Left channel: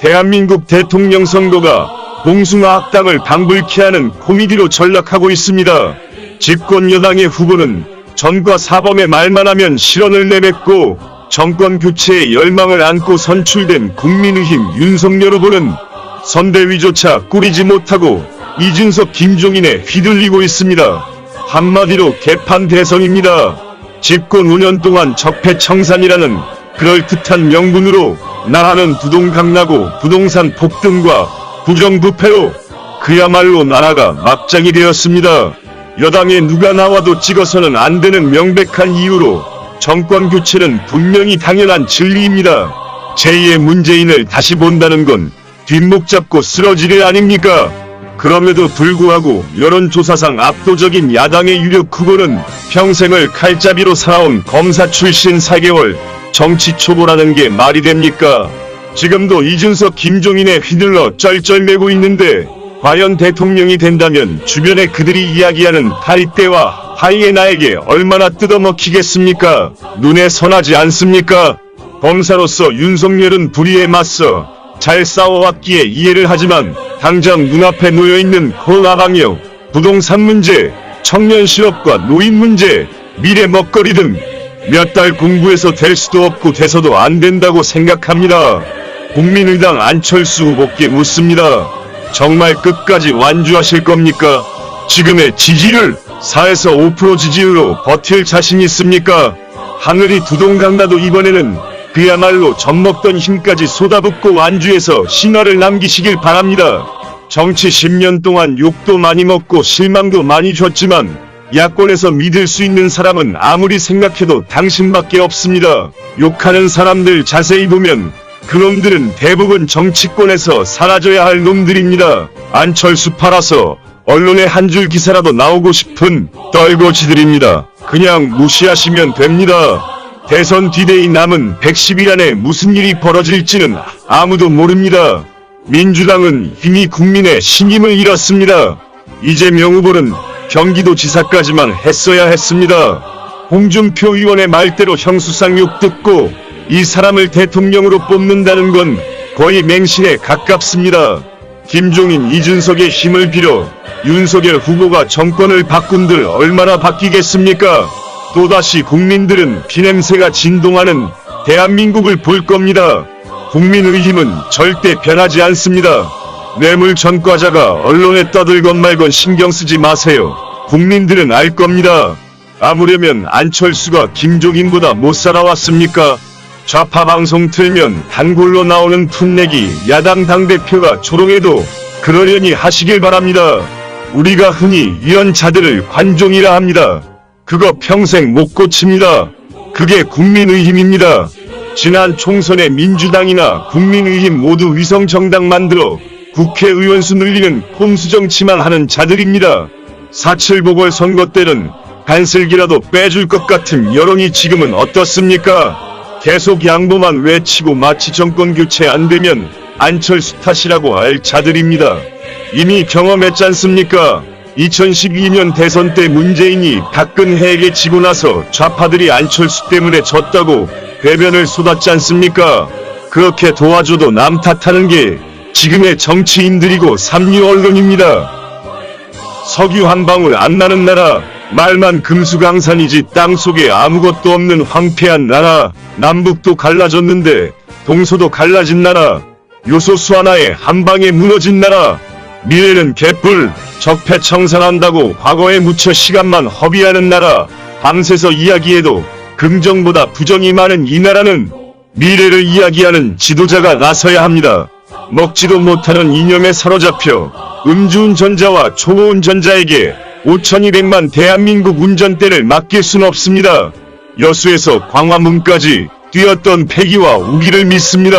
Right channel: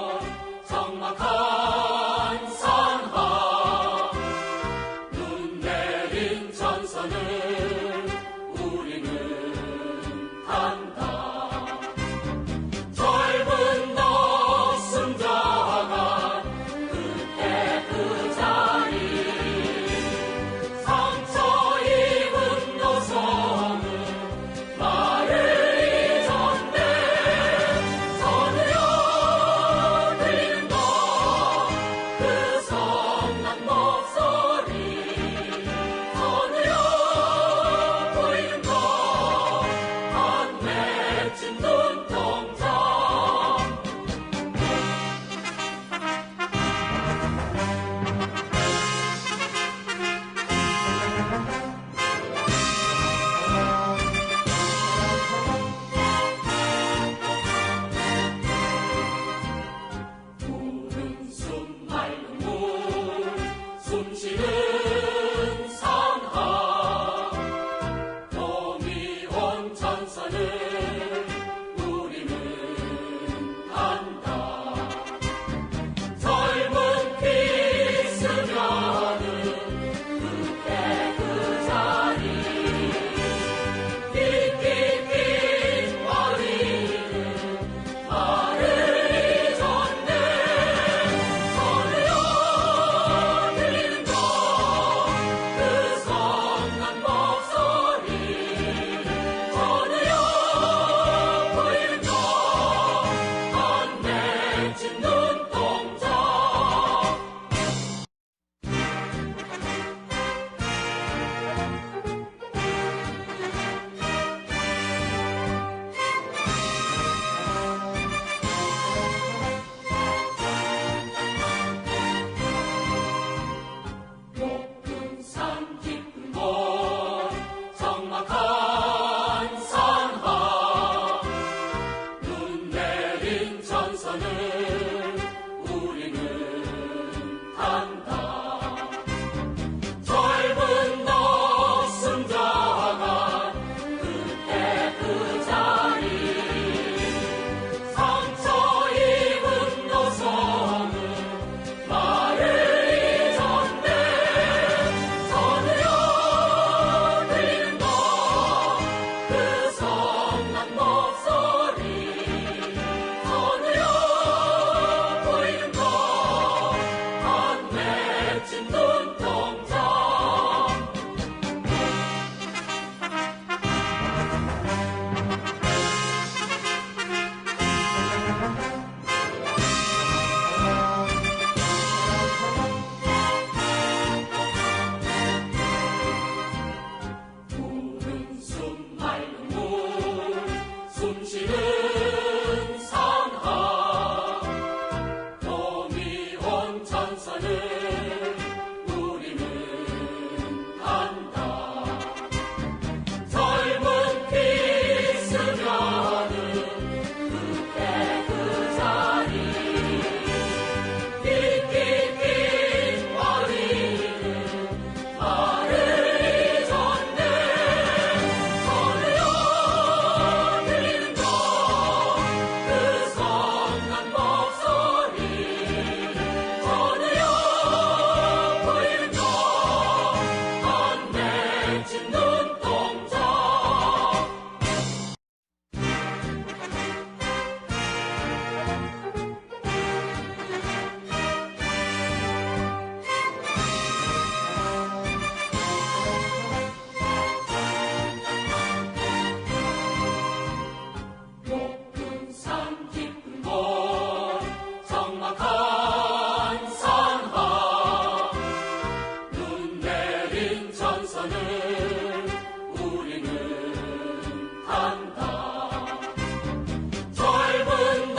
대한민국 대통령 선거가 봉숭아 학당을 방불케 하는 코미디로 전락하고 있습니다. 집권 여당의 후보는 전과 사범의 말만 하면 실언을 내뱉고 정권 교체의 열망을 안고 선출된 국민의힘 윤석열 후보는 선대위조차 꾸리지 못하고 이준석 김종인에 휘둘리고 있습니다. 한마디로 개판 대선입니다. 집권 5년 동안 적폐청산이라는 그럴듯한 명분으로 나라는 부동강나고 부동산 폭등과 부정부패로 그야말로 나라가 막장이 되었습니다. 여당에 누가 나와도 찍어서는 안 되는 명백한 이유로 정권 교체는 분명히 당연한 진리입니다. 제2의 문재인을 다시 본다는 건 뒷목 잡고 쓰러질 일 아닙니까? 그럼에도 불구하고 여론조사상 압도적인 야당의 유력 후보는 평생을 칼잡이로 살아온 검사 출신 4개월 정치 초보라는 게 말이 됩니까? 지금도 이준석 김종인에 휘둘러 쩔쩔매고 있는데 과연 대통령이 된다면 주변에 그들이 이야기하는 파리떼와 하이에나에게 얼마나 뜯어먹히겠습니까? 눈에 선하지 않습니까? 검사로서 윤석열은 불의에 맞서 잘 싸워왔기에 이해를 하지만 당장 눈앞에 놓여있는 코로나 방역, 부동산 문제, 청년 실업과 노인 문제, 미래 먹거리 등 몇 달 공부해서 될 수도 없고 돼서도 안 된다고 생각합니다. 국민의당 안철수 후보께 묻습니다. 정말 끝까지 완주하실 겁니까? 지금의 지지율 4에서 5% 지지율로 버틸 자신 있습니까? 하늘이 두동강나도 이번에는 그야말로 젖먹던 힘까지 쏟아붓고 완주해서 신화를 남기시길 바랍니다. 정치 10년 동안 욕도 많이 먹고 실망도 많이 줬지만 야권에서 믿을 수 있는 사람은 아무리 생각해도 당신밖에 없습니다. 욕하는 사람들 자세히 보면 그놈들은 대부분 정치권에서 사라져야 할 놈들입니다. 안철수 팔아서 언론에 한 줄 기사라도 나오고 싶은 떨거지들입니다. 그냥 무시하시면 됩니다. 대선 D-Day 남은 110일 안에 무슨 일이 벌어질지는 아무도 모릅니다. 민주당은 이미 국민의 신임을 잃었습니다. 이재명 후보는 경기도지사까지만 했어야 했습니다. 홍준표 의원의 말대로 형수상 욕 듣고 이 사람을 대통령으로 뽑는다는 건 거의 맹신에 가깝습니다. 김종인, 이준석의 힘을 빌어 윤석열 후보가 정권을 바꾼들 얼마나 바뀌겠습니까? 또다시 국민들은 피냄새가 진동하는 대한민국을 볼 겁니다. 국민의힘은 절대 변하지 않습니다. 뇌물 전과자가 언론에 떠들건 말건 신경 쓰지 마세요. 국민들은 알 겁니다. 아무려면 안철수가 김종인보다 못 살아왔습니까? 좌파 방송 틀면 단골로 나오는 풋내기 야당 당대표가 조롱해도 그러려니 하시길 바랍니다. 우리가 흔히 이런 자들을 관종이라 합니다. 그거 평생 못 고칩니다. 그게 국민의힘입니다. 지난 총선에 민주당이나 국민의힘 모두 위성정당 만들어 국회의원 수 늘리는 꼼수정치만 하는 자들입니다. 4.7 보궐선거 때는 간슬기라도 빼줄 것 같은 여론이 지금은 어떻습니까? 계속 양보만 외치고 마치 정권 교체 안 되면 안철수 탓이라고 할 자들입니다. 이미 경험했지 않습니까? 2012년 대선 때 문재인이 박근혜에게 지고 나서 좌파들이 안철수 때문에 졌다고 배변을 쏟았지 않습니까? 그렇게 도와줘도 남 탓하는 게 지금의 정치인들이고 삼류 언론입니다. 석유 한 방울 안 나는 나라, 말만 금수강산이지 땅속에 아무것도 없는 황폐한 나라, 남북도 갈라졌는데 동서도 갈라진 나라, 요소수 하나에 한 방에 무너진 나라, 미래는 개뿔, 적폐청산한다고 과거에 묻혀 시간만 허비하는 나라, 밤새서 이야기해도 긍정보다 부정이 많은 이 나라는 미래를 이야기하는 지도자가 나서야 합니다. 먹지도 못하는 이념에 사로잡혀 음주운전자와 초보운전자에게 5,200만 대한민국 운전대를 맡길 순 없습니다. 여수에서 광화문까지 뛰었던 패기와 우기를 믿습니다.